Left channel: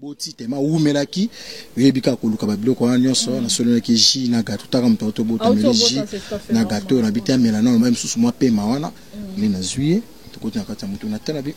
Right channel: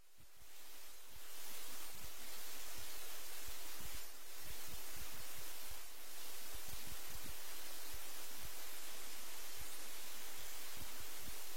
boti tema umelaki yebika koluka babiloko wana nyonso na solo ki ji na gato taka mtoto bota meliji na gato na bita melana même sous moi pema wana ni na zuye to na kata mutu na tala bi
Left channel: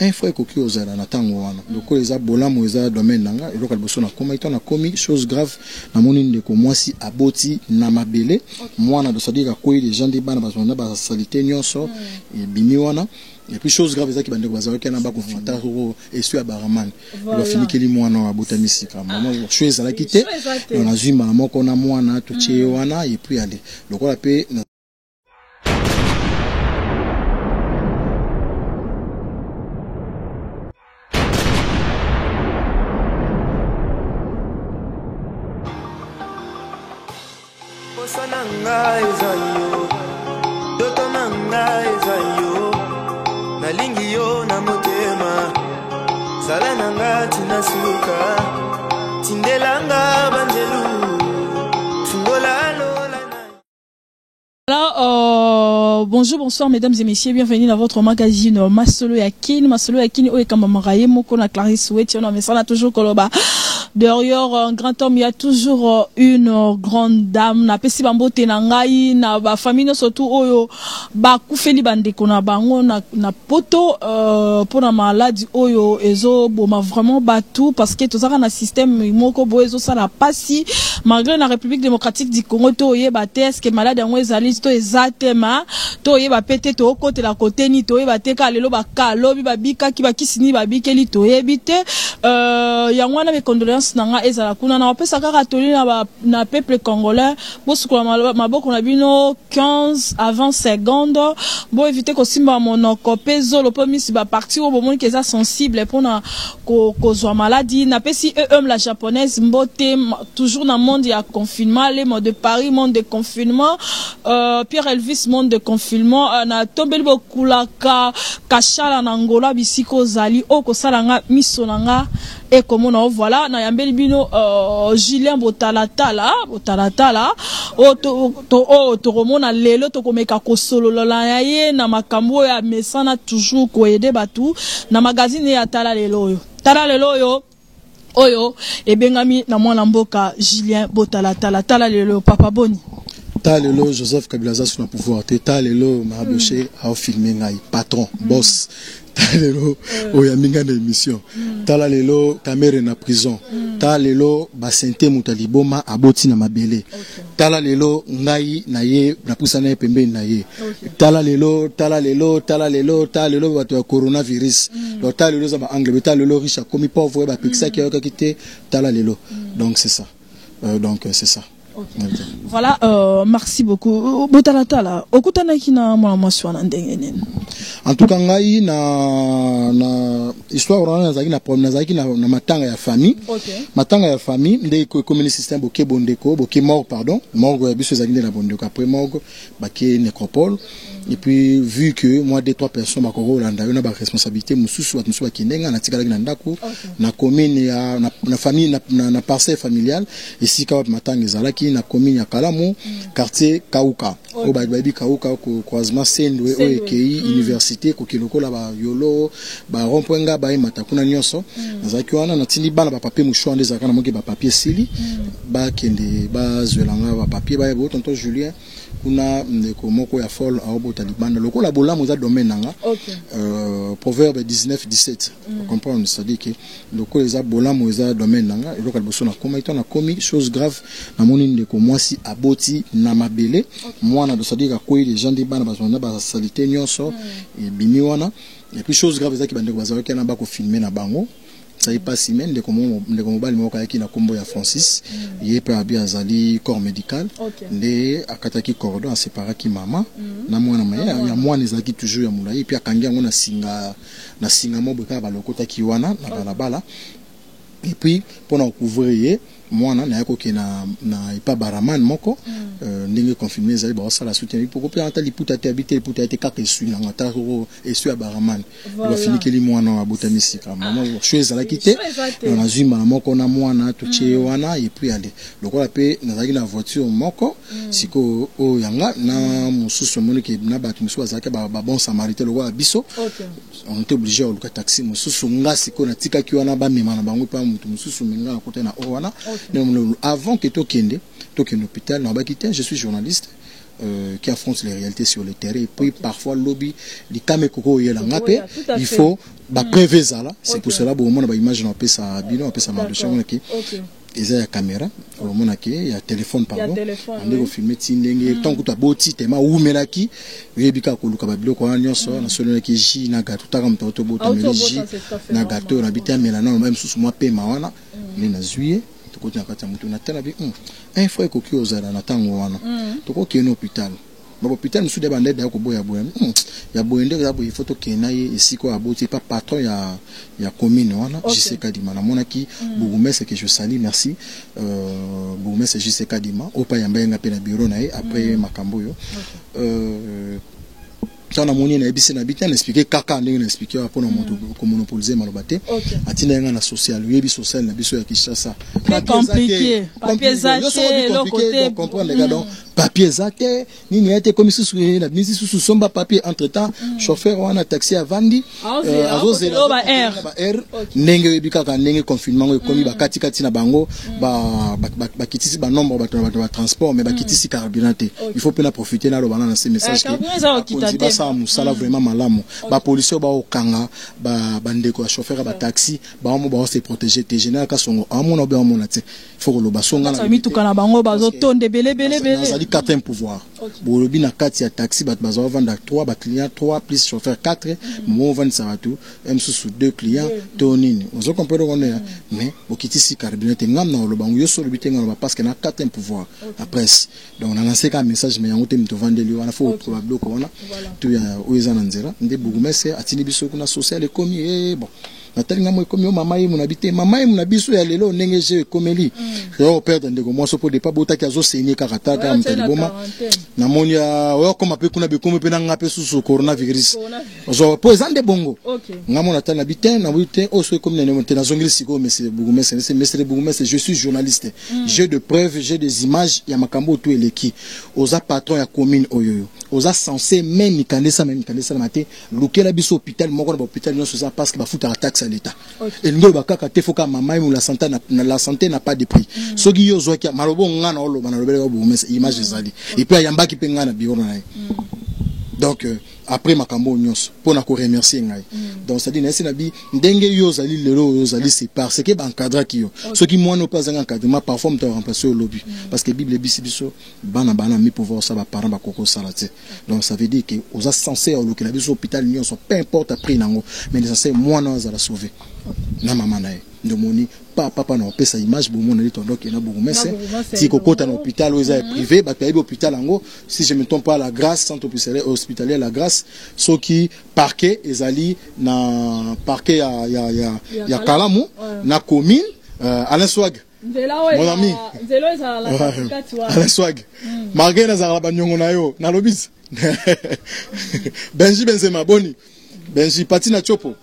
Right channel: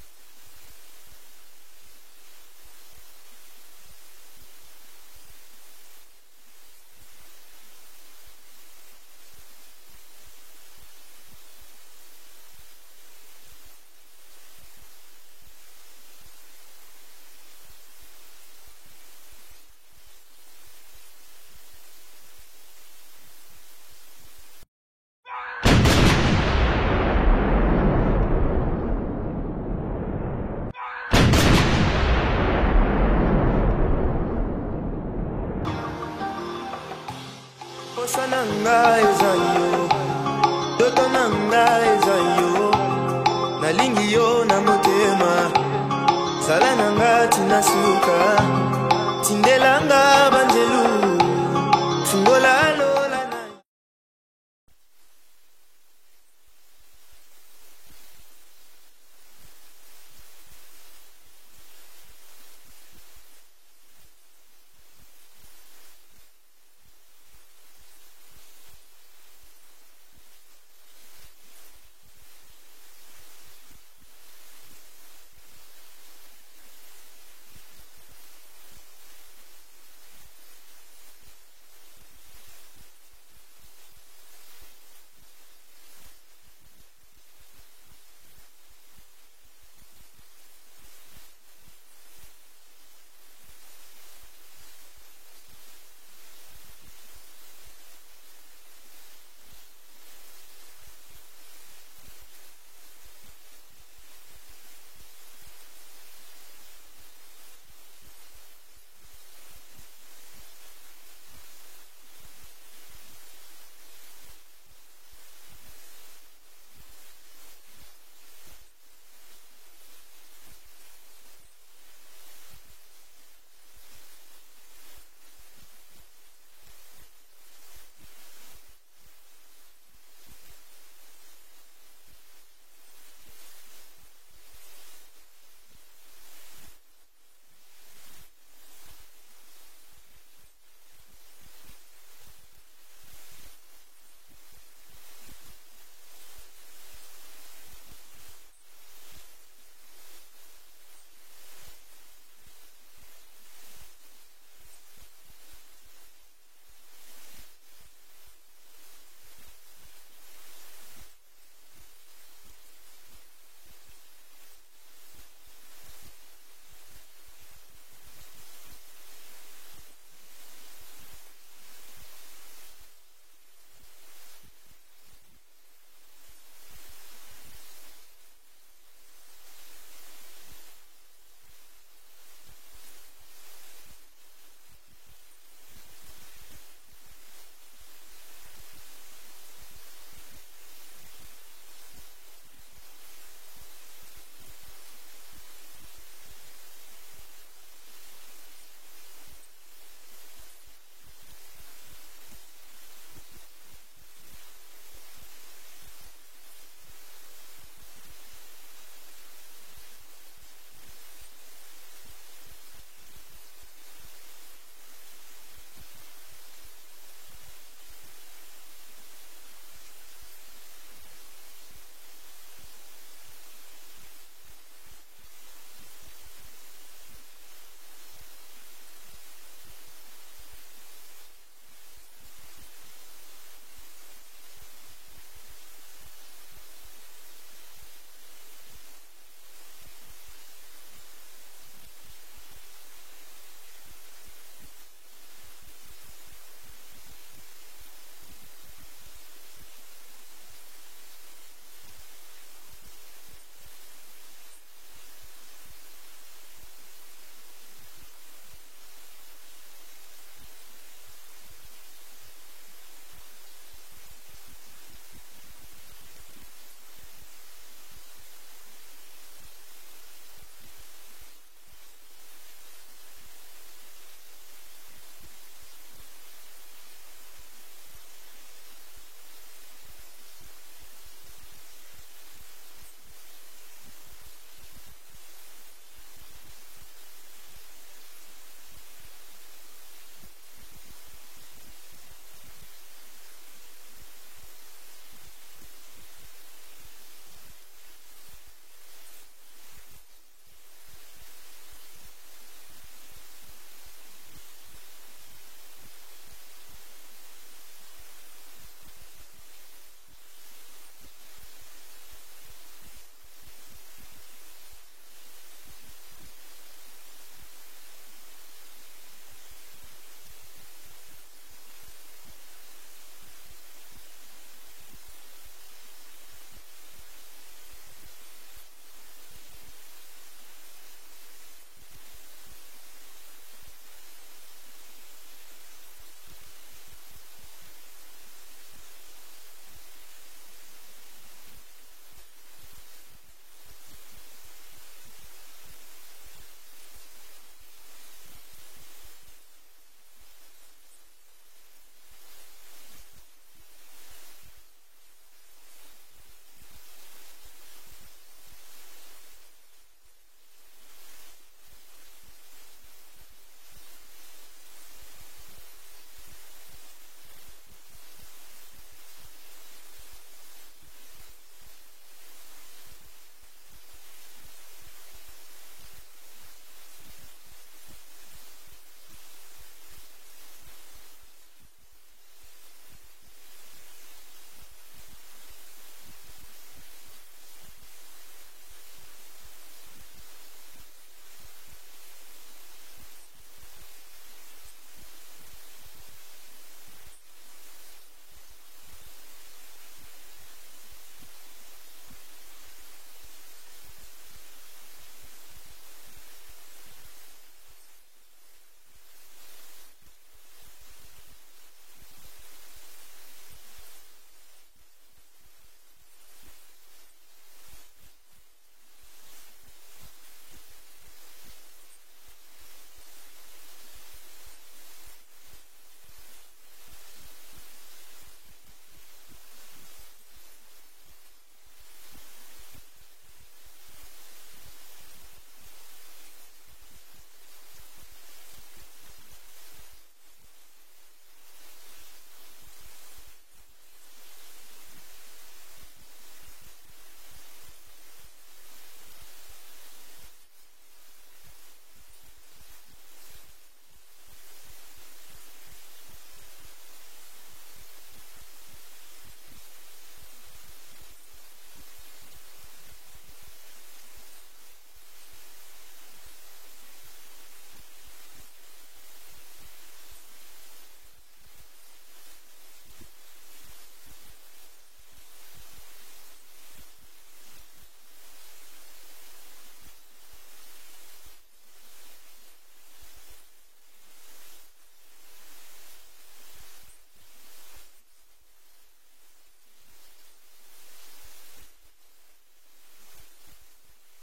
un fois koki ozala na tango wana loko eza bolamo eza domaine nanga eloka liboso na koma ito na komi chose grave na moni ndeko mwasi aboti na mabele mwana de sadika ko les gens de bana bazona ba salité nyonso e bimi wana. Et puis chose grave, c'est qu'il y a des gens qui ont et sur la baraman. Il va finir que les moines à botanistique. Je suis à la quitter. On a vu maman qu'on a moine tout wana et puis aller. Donc on a payé. Nalingi yo na motema sala nanga tinasuka tindelanga banjelu tungola lola. Alors, bonjour, bonsoir mesdames et messieurs, bienvenue dans votre magazine Masolo Yakini. Masolo Yakini, oye kama maraye moko na Clarisse Ouetti, on a ça là toujours koloba. Derrière un grand homme, il y a toujours une grande dame. Na pesi bambo tenangai na ba famille surtout oyo ba kufeli bande kona bango na poto pour la maladie oyo ezo boma vraiment batou parce que tout ça na système moko bo ezo ça la passi malgré la République démocratique du Congo to yé ba est-ce que malade yango ezali to ezatema to yé ba pété to côté la côté ni to yé ba teka lelo ba kalo bi ba bika ki ba kisini ba bikeli to yebite yango na be condoléances nanga ezala kuna na pesa kaka toli na peuple congolais bosuko maboko na bino 15 à 20 secondes bo éviter ko simba monoko peso lo pomisi ba parti au moment que ça sensible pour na ko zo maladie na pesi la japonaise mbote toujours dans monde ya confinement les mots de Paris monde de confinement Pierre Elvis monde de confinement na tombeli bokulaka kashala na Angola bisiko zali o ko salanga misonanga et comme on voilà na yambeli bino Julien Botalatala o to remona lelo to komeka ko solo la ye na makambo ya mesana toujours ko aider batu na magazine ya tala lelo yo oyo e bengami na mwana mboka Julien Botalatala tala lelo papa boni Talelo Joseph Kabila sur le pouvoir talelo Maraboché a filmé ngai patron boss talelo oyaminga na émission talelo kamere na prison talelo basente mutaliboma aboti na mabele talelo ngai na ye na pusana pembe na ye talelo bato ya coronavirus lo talelo za ba anglais talelo riche comme pauvre ba pixia qui a quitté talelo donc c'est ça c'est ça. Okay. Voilà, merci beaucoup. Botalatala, okutana kina mwana mwasi wana ndenge nini? En tout cas ngai na histoire wana nazaki na matanga ya famille. Okay. Matanga ya famille nde commune système boke bondeko, boke mort pardon, mort biso ezaki na bondeko après mort bake nécropole. Et puis vu que moi deux trois personnes bakoko landa na ba responsabilité mususu watu mususu bakindenga na tikala na ndako na commune ya na famille na parcelle familiale ici ka matanga ezalaki na commune ya Kalamu quartier Kauka o ba Kauka ko croisement Sendwe o ekei université ko kiloko la ba yolo ba rompwenga ba matakuna nyonso nazaki wana na tindi bana ba papier mushwa ndeza kana moki ba papier sili ba kende ba zwelanga ba papier ba yebo tonton Julien kuna ndeko moko ya folle a obota libanda lokola bolamu za domaine nanga proverbe 19-17 comprendre ça dit que lokola za bolamu za domaine nanga lokola boso na koma ito na komi chose grave na moni ndeko mwasi aboti na mabele mwana de ça dit que les gens de bana bazona ba salité nyonso et bimi wana et puis chose grave za ki bandeko bazaka kana ba ko filmer na bango ça y passe semaine de comment mobile moka qui na kombo ya Francis yé pe abi azali corps médical nde akataki cordon a séparé ki mama na mwana maya ya mwana ezaki toujours ya mulai puis akangi yango na singa mobo ka balokota ki wana na bala et puis pour na couvrir mwana na yako ke na ipa baraman moko ndenge confirmer zali ba sala soutien pour que anta liputa te habiter liputa te kaka esui na ngata ko esui ya baraman ba fini ke li mwana wa botamisi ka mama choise la quitter on a zuma moko na mwana tuche wana et puis aller lokola pe nazaki na voiture moko siko o yanga na mususu moni ke na batu mususu azaka ba bon samaritain lokola biso on était obligé au taxi mususu nga siko na tika ki wana ba mema na bango pa mutu mususu menga na côté na o wana avant que tokende hôpital na ba quitter je suis journaliste qui affronte les réalités sur le terrain et puis parfois lobby les kamekoko yelanga pe il faut ba préveza là c'est pour cela bon on a image na pesa bino pesa marché on qui ils ont la caméra on a qui ya téléphone pardon on est au filmer tindenge tant que tu boti tema umelaki yebika ko luka ba biloko wana nyonso na solo ki ji na gato ta comme to bota meliji na gato na bitia melana même sous moi pe mawana ni na juillet to na kata mutu na tena bi un frère ko ki ozala na tango wana to ko ki no hôpital ba hôpital musu de bande da ko boya ya boyende za boy photo kena ye isiko aboti pas patron ya commune wana JC Kadima na monaki bourgmestre que je salue merci bourgmestre JC Kadima opa ya mbenga pe na bureau na ye après makambo yo tant na moni na ebisi na bitan expliquer kaka ndenge na expliquer pour na moto ko monopoliser malobate atina nga na social yebi social na biso ya Kinshasa compliqué papier zaté le côté comprendre les donc papier zaté nini a été comme sous na bisi sous somba papier entre temps chauffeur wana taxi a vandi azozela ba air ndenge yebi kaka ndenge confinement komi ba kati na bango ba kitisi ba nombre ba transport mais ba kitisi carburant il faut peut profiter na lo bana na ces messages qui musala vraiment malamu ba police ba okanga ba bandeko ya chauffeur ba taxi ba mo ba se protéger te général ka songo amona be amona te faut lo ba songa na mi tukana bango bazo tonde belé ça dit quatre pouvoir bo lobi na kati ya taxi ba bazo vendre 3 ba client 3 plus chauffeur 4 mo vendre ça tout même sous 2 clients tonini ozo comprendre on est mais okiti si carburant te ngam na lo bango yo so lo bitenga ba parce que na quatre pouvoir la presse donc on a lancé un message mais yango te mito vendre li wana faut probable ko wana oeza na nzela nde bourgmestre atini biso kuna social ekomi bon natalinga mo ekomi mama ye munabite mama ye munabiso ya lelo ndenge je ekomeli yo perdre ndeko moso po de pas botaki azo saigner karata ka mtaliboma na monia yo koma pe kuna bekomo pe na ngape susu coronavirus zo po ezande bongo ngamo natana biten na biten o so ekomi na monte na zongili siko monsieur bourgmestre c'est monsieur bourgmestre je suis journaliste j'ai de preuves j'ai des images ya makambo tout eleki oza patron ya commune oyo oza censé même kanesa na maté lokela biso hôpital moko na hôpital non ça parce que ba futa taxe à l'état et ngo bakaka te foka mama mu la santé n'a pas de prix soki yo zo ki malobo ngana olo bana lobele bo mais image ezali et puis yamba ki penga na bureau na donc après makambo nyonso pour na ko remercier ngai donc ça dit na bi ndenge yo zali lelo yo zali c'est parce que ba encadra ki yo soki moi no pas un encadrement parfois me remplacer au lobby parce que bible bisibiso bana mi pouvoir ça ba parents ba koko salate donc ça veut dire que aux censé au lokela biso hôpital nyonso peu importe après nango mais les censé moi no za la sauver na mama na de moni papa na opesa image bo mona lito donc na bourgmestre ti kokota na hôpital oza privé ba paye hôpital ango si je me trompe pas la grâce centre hospitalier la grâce soki parquet ezali na parquet ya Kalamu na commune Alain Swag mon ami Alain Swag malgré na za ba nyongo na yo na lobis Benji Benzema boni Benji Patina Chopo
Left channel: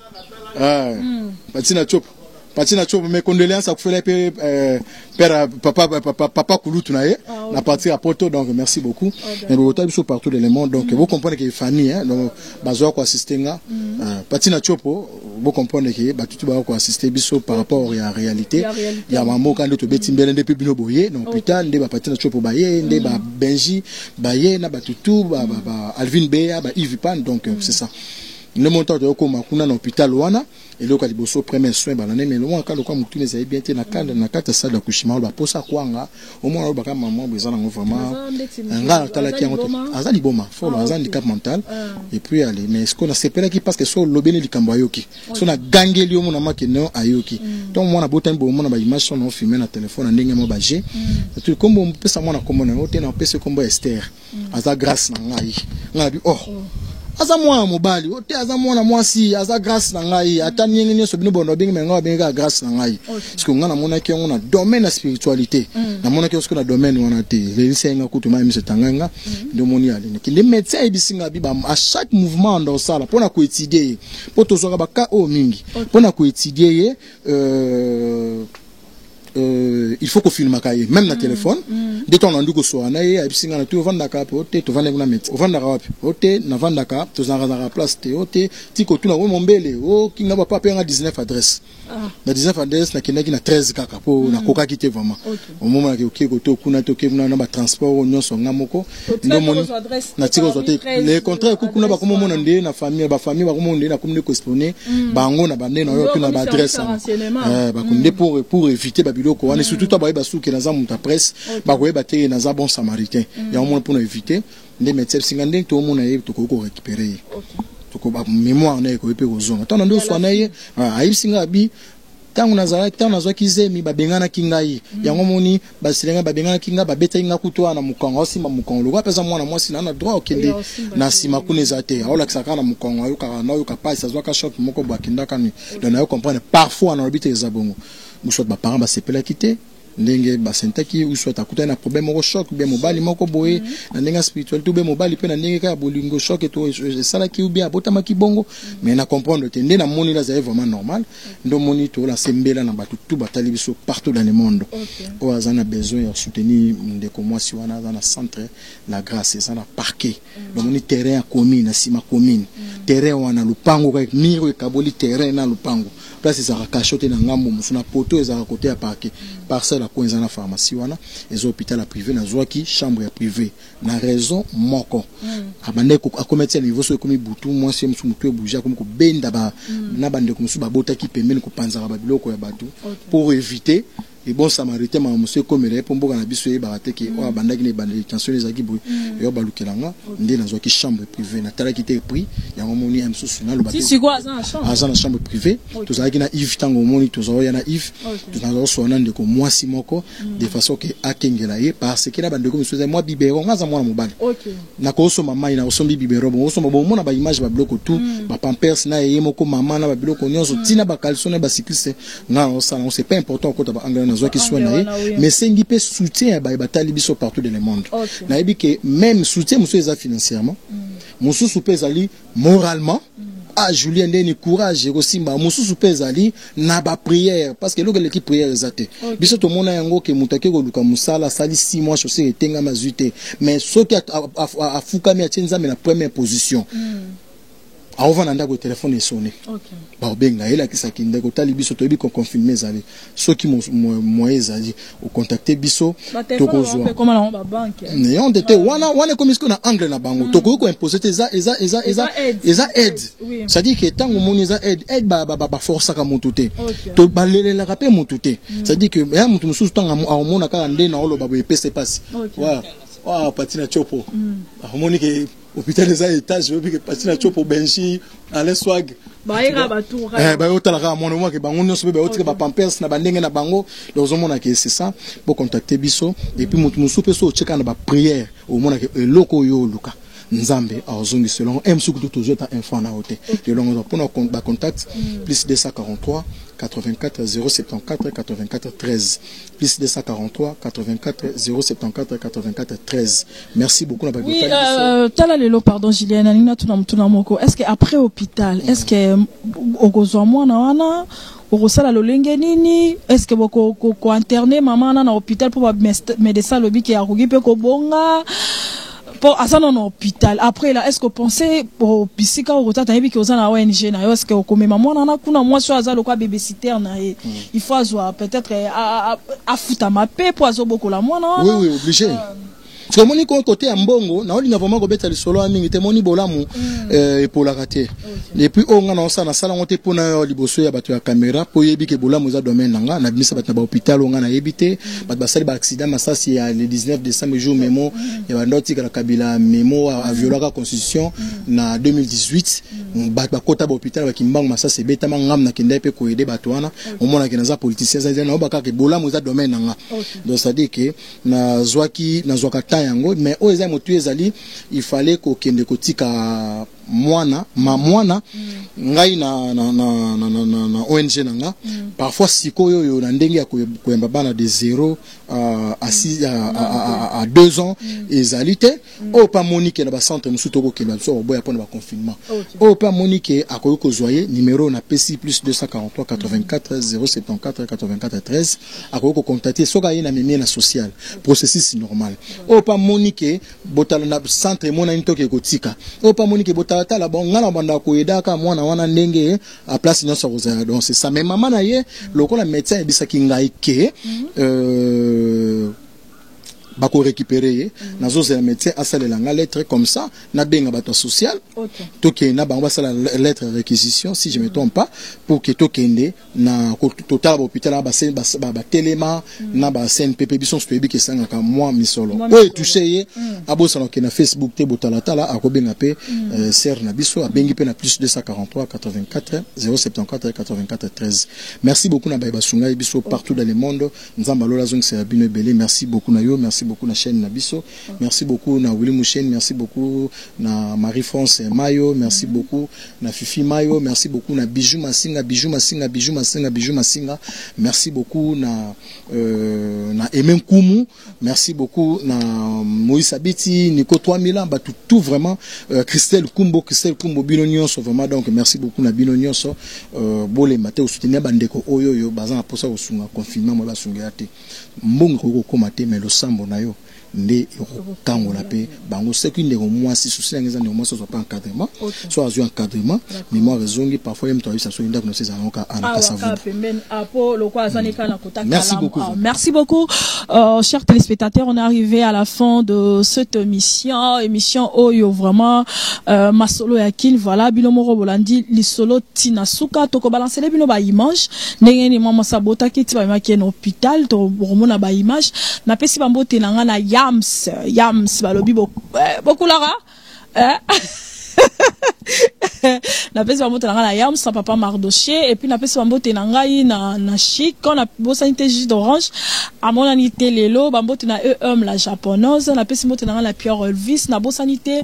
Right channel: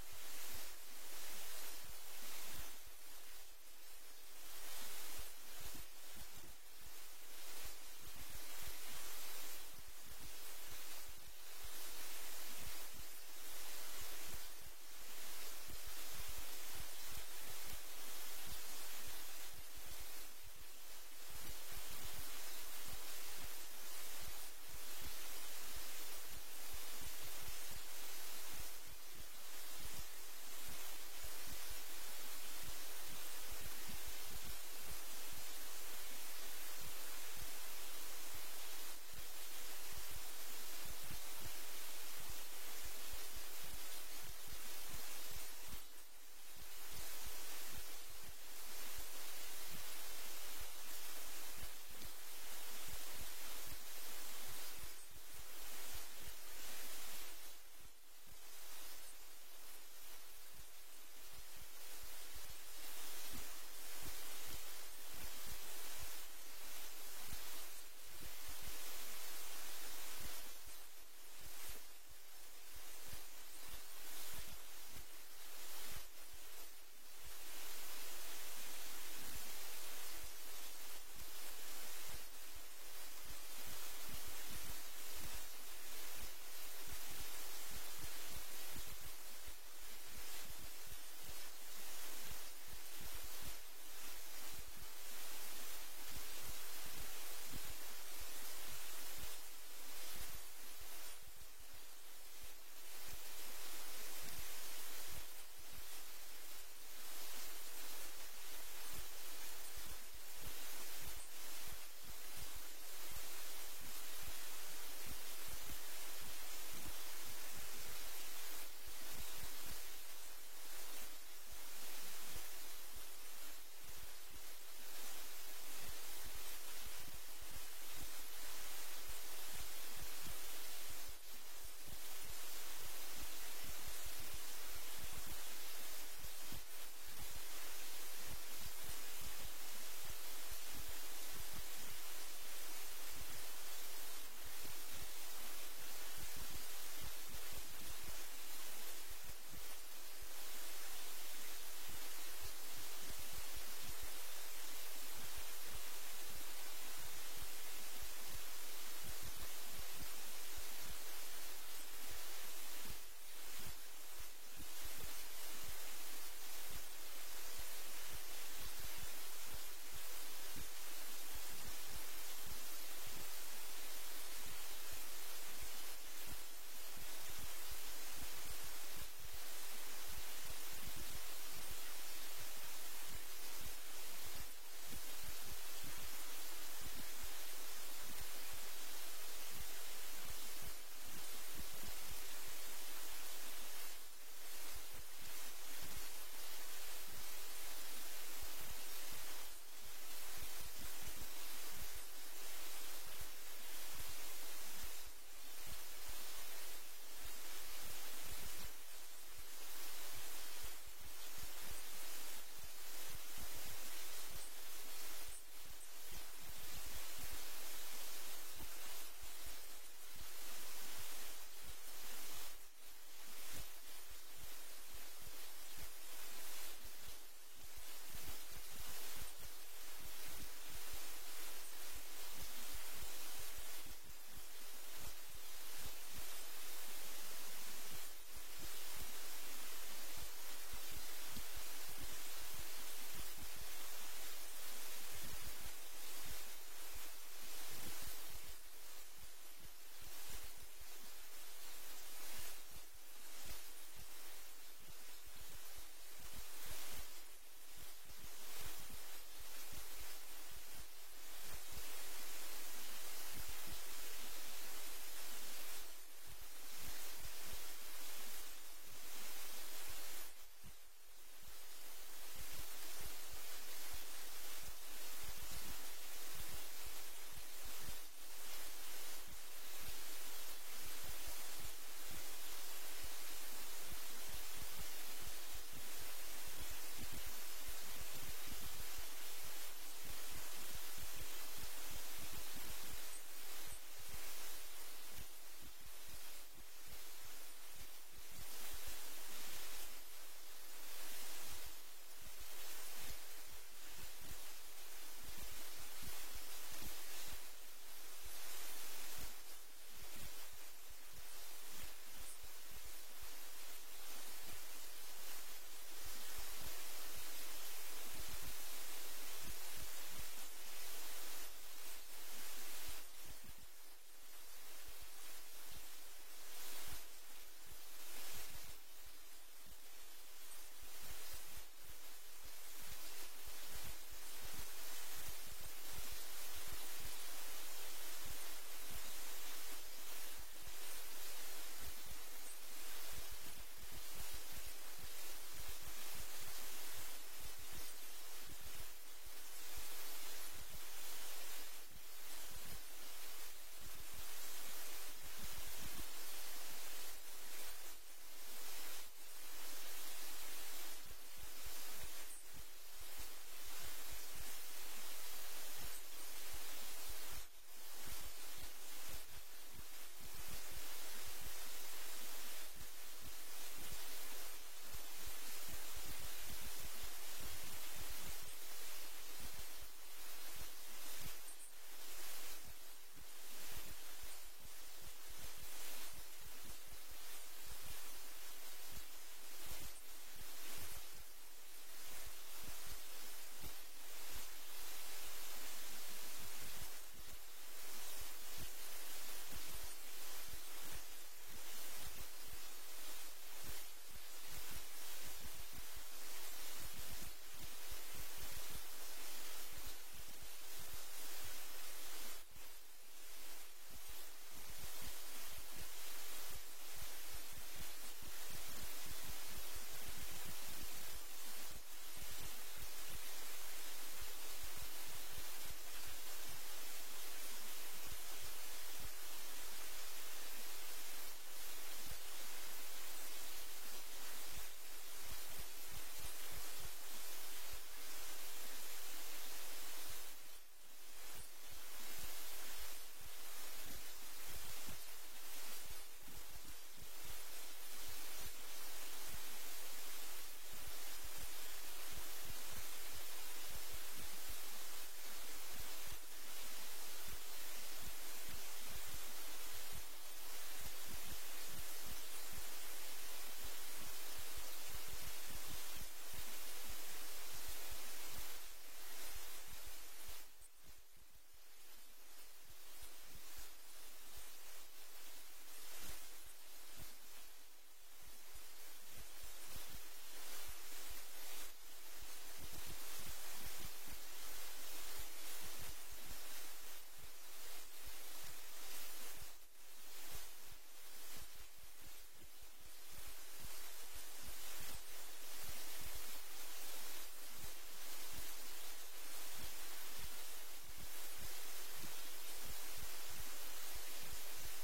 Patina Chopo mes condoléances à Koufela père papa Kouloutou na partir à Porto donc merci beaucoup mais vous êtes partout dans le monde donc vous comprenez que famille donc bazo ko assister nga Patina Chopo vous comprenez que ba tutu ba ko assister biso par rapport à réalité ya mambo quand to betimbele depuis bino boye donc hôpital nde ba Patina Chopo baye nde ba Benji baye na ba tutu ba Alvin Beya ba Yves Pan donc c'est ça le montant de okoma kuna na hôpital wana et le kaliboso premier soin banane mais loin quand le kwa mutune za bien te na kata salle d'accouchement ba posa kwanga au moins ba kama maman bezana vraiment nga tala ki ngoto azali boma faut azali handicap mental et puis aller mais ce qu'on a sepelé qui parce que so lobene likambo ayoki so na gangeli o mona make no ayoki donc moi na botan bo mona ba image son filmer na téléphone ndenge mo baje tout comme on peut ça mona comme on te na pese comme Esther aza grâce na ngai nga bi aza mwana mobali ote aza mwana mwasi aza grâce na ngai ata nyenge nyoso bino bono bengi menga benga grâce na ngai parce que ngana mona ki ngona domaine la spiritualité na mona ki osko na domaine wana te le senga kutuma mi se tanganga ndo moni ali ki les médecins ebisinga biba à chaque mouvement dans ça là pour na ko étudier pour to zoka ba ka o mingi pour na ko étudier il faut qu'on filme kaye même na téléphone de ton andu ko so na ye abisinga na tu vanda ka pote to vanda na met vanda ka wapi ote na vanda ka to zanga za place te ote ti ko tuna wo mombele o kinga ba papa nga 19 adresse na 19 adresse na kinaki na 13 kaka po na koka kite vraiment au moment que ok ko to kuna to ke na ba transport nyonso ngamoko ndo moni na tiko zo te le contraire ku kuna ba komo mona nde na famille ba komo nde na komune ko exponer bango na bande na yo kuna ba adresse ba konde pour éviter biloko wana surtout to ba souke na za muta presse ba ko ba te na za bon samaritain ya moins pour éviter les médecins singande to mona ye to ko récupérer to ko ba mémoire na ko pe ko zonga tant ndo so na ye ayi singa bi tangu nazala tangu nazwa kizemi ba bengana kingai yango moni ba silenga ba bengana kinga ba beta inga kutoa na mukongo simba mukongo lokwa pesa mwana mwasi na droit okende na sima kuneza te aola kisaka na mukongo ayo ka na yo ka pas azwa ka shop moko ba kindaka ni donc na yo comprendre parfois na obite za bongo soit ba parents ba sepela kité ndenge ba sentaki ou soit akuta na problème au choc bien mobali moko boye na ndenge spirituel tout bien mobali pe na ndenge ka bolingo choc et tout sala ki ou bien botama ki bongo mais na comprendre te ndena moni la c'est vraiment normal ndo moni to la sembela na batu tout batali biso partout dans le monde o azana besoin de soutenir ndeko mwasi wana na centre la grâce ça na parquet donc moni terrain à commune na sima commune terrain wana lupango ka miro e kaboli terrain na lupango place ça cachoté na ngambo musuna poto ezaka côté à parquet parcelle la coinza na pharmacie wana les hôpital privé na zwaki chambre privée na raison moko abande ko akometya niveau so komi butu moi c'est musu mutu bouger comme ko benda ba na bande ko musu ba botaki pembeni ko panzaka ba biloko ya batu pour éviter et bon samaritain ma monsieur comme il pour mboka na biso e barate ki o abandaki ne bande tension les aki boy yo balukelanga ndé na zwaki chambre privée na tala ki te prix ya moni am susu na lo bate si quoi ça na chambre privée to zaki na Yves tango moni to zo ya na Yves to na zo na ndeko mwasi moko de façon que akengela ye parce que na bande ko monsieur moi bibero ngaza mwana mobali na ko so mama ina osombi bibero bon so bo mona ba image ba bloko tout ba pampers na ye moko mama na ba biloko nyonso tina ba calçon na ba cycliste nga on ça c'est pas important ko ta ba angla qui soit mais c'est un peu soutien à batali biso partout dans le monde na ebi que même soutien monsieur eza financièrement monsieur soupez ali moralement ah Julien ndeni courage aussi ba monsieur soupez ali na ba prière parce que l'équipe prière ezate biso to mona yango ke mutake ko luka musala sali 6 mois chaussé etenga mazuite mais ce qui a fukami a tsenza mais la première position avant nanda ko téléphone sonné ba benga ela kisaki ndeko tali biso to bi ko confirmer zali ceux qui moyens zali au contacter biso to ko zo comment na ba banque ne on était wana comme ce qu'on a angle na bango to ko imposer eza aide ça dit que tango moni eza aide ba force ka motuté to balela ka pe motuté ça dit que ya mutu mususu tanga amona ka ndé na olo ba pese passe wa patina chopo amoni ke hôpital des étages je veux que patina chopo benchi ale swag ba ira ba tour ba yotala ka mona mo ke bango nyonso be otika ba pampers na bandenge na bango donc mona ke c'est ça pour contacter biso et puis mutu musu pe so cheka na ba prière au mona ke loko yo luka nzambe azongi selon msuku toujours ta enfant na hote de longo pour nos contact plus 243 84 074 84 13 plus 243 84 074 84 13. Merci beaucoup na oui tala lelo pardon Julien nina tuna moko est-ce que après hôpital est-ce que okozwa mwana wana okosala lolenge nini est-ce que ko interner maman na hôpital pour ba médecin lobi ke akoki pe ko bonga pour asana na hôpital après là est-ce que pensez pour bisika au retata yebi ke ozana ONG na yo est-ce que okomema mwana na kuna moi so azalo kwa babysitter na ye il faut azwa peut-être a futa mape pour azoboko la mwana oui obligé parce que moni côté ya mbongo na oli na vraiment ko beta le solo amingi te moni bolamu et pour la rater et puis on a ça na sala ngote pona liboso ya bato ya caméra po yebi ke bolamu za domaine nanga na bimisa bato ba hôpital on a yebité bato basali ba accident masasi ya le 19 décembre jour mémo ya ba ndoti ka kabila mémo a violé la constitution na 2018 bato ba kota ba hôpital ba kimbango masasi beta mangam na kenda pe ko aider bato wana on mona ke na za politiciens za na ba ka ke bolamu za domaine nanga donc ça dit que na zwaka yango mais aux motu ezali il fallait ko kende kotika mwana ngai na ONG nanga parfois sikoyo yo na ndenge ya koyamba bana de 0 à 2 ans ezalité o pa Monique na ba centre musuto ko kenda so boya pona ba confinement o pa Monique akoyo ko zoyer numéro na PC plus 243 84 074 84 13 akoyo ko contacter soka yina memi na social processus normal o pa Monique botala na centre mona ntoke ko tika o pa Monique botala tala bon ngala banda ko edaka mwana wana ndenge à place nyonso kozala donc c'est ça mais maman na ye lokola médecin ebisaki ngai ke bako récupérer nazo za médecin asale langa lettre comme ça na benga bato social toke na bango basala lettre réquisition si je me trompe pas pour que tokende na total hôpital ba telema na ba CNPP biso stoyebi ke sanga ka moi misolo o touché ye abosana ke na Facebook te botala tala akobenga pe ser na biso abengi pe na plus 243 84 074 84 13. Merci beaucoup na ba sunga biso partout dans le monde nzamba lola zong c'est bino belé. Merci beaucoup na yo, merci beaucoup na chaîne Nabiso, merci beaucoup na Willy Mouchen, merci beaucoup na Marie-France Mayo, merci beaucoup na Fifi Mayo, merci beaucoup na Bijou Masinga, merci beaucoup na Emem Koumou, merci beaucoup na Moïse Abiti, Nico 3000 bah tout vraiment Christelle Kumbo Binonion so vraiment donc merci beaucoup na Binonion so bolé maté au soutenir bandeko oyo bazan pour ça au sunga confinement mo ba sunga ate mbongo ko komate mais le sambo na yo nde kango la pe bango c'est qu'une ndeko moi si souci ngeza ndeko moi soit pas encadrement soit azu encadrement mais moi raisongi parfois même toi ça soit ndako no ces anoka merci beaucoup merci beaucoup chers téléspectateurs. On est arrivé à la fin de cette émission oyo vraiment masolo ya kin voilà bilomoro bolandi lisolo tinasuka toko balancer bino ba image ndenge ni mama sabota kiti ba maki na hôpital to romona ba image na pesi bambote nanga na Yams balobi beaucoup lara na pesi bambote nanga na Yams sa papa Mardoché et puis na pesi bambote nanga na chic quand na bosanité jus d'orange à mon anité lelo bambote na la japonaise na pesi bambote nanga la Pierre Elvis na bosanité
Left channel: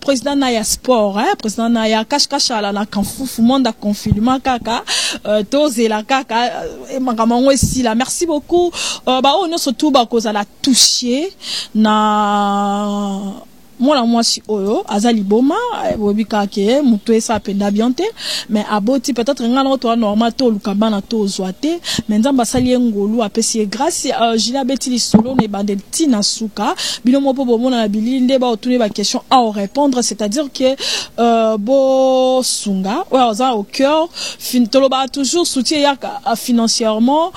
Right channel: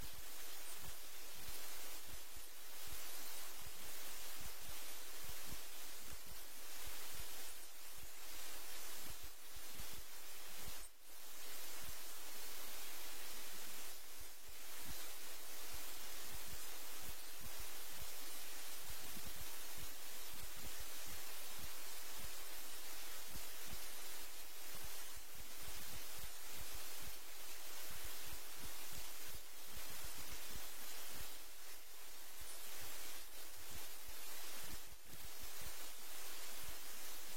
président na ya sport président na ya cache ala na kanfufu monde confinement kaka tozela kaka makambo ici là. Merci beaucoup ba on surtout ba cause la toucher na moi si oyo azali boma bobika ke muto esa penda biante mais aboti peut-être ngana to normal to lukabana to zoate mais nzamba sali ngolu apesi grâce Gila Betili solo ne bandel tina suka bino mopo bomona na bilinde ba otune ba question à répondre, c'est-à-dire que bo sunga ouais oza au cœur toloba toujours soutien financièrement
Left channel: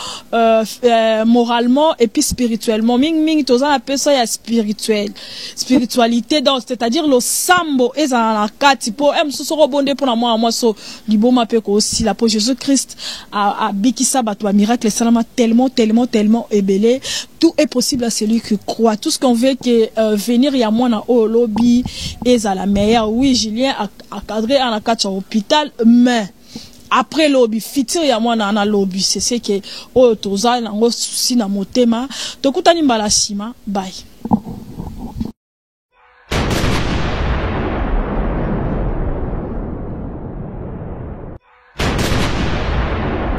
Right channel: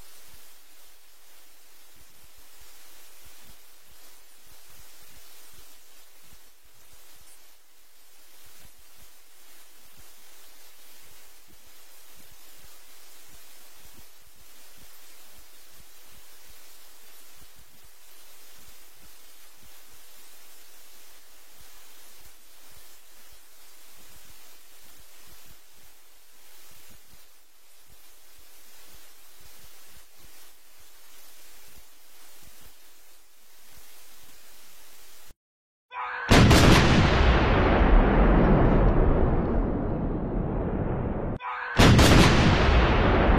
moralement et puis spirituellement ming toza na pesa ya spiritualité donc c'est-à-dire le sambo ezala kati po msosoro bonde pour moi so liboma pe ko aussi la pour Jésus-Christ a bikisa bato miracle salama tellement ébélé. Tout est possible à celui qui croit. Tout ce qu'on veut que venir ya moi na au lobby ezala meilleur. Oui, Julien a cadré en a hôpital mais après lobby fitir ya moi na lobby c'est ce que o toza na ngo souci na motema tokutani mbala sima bye.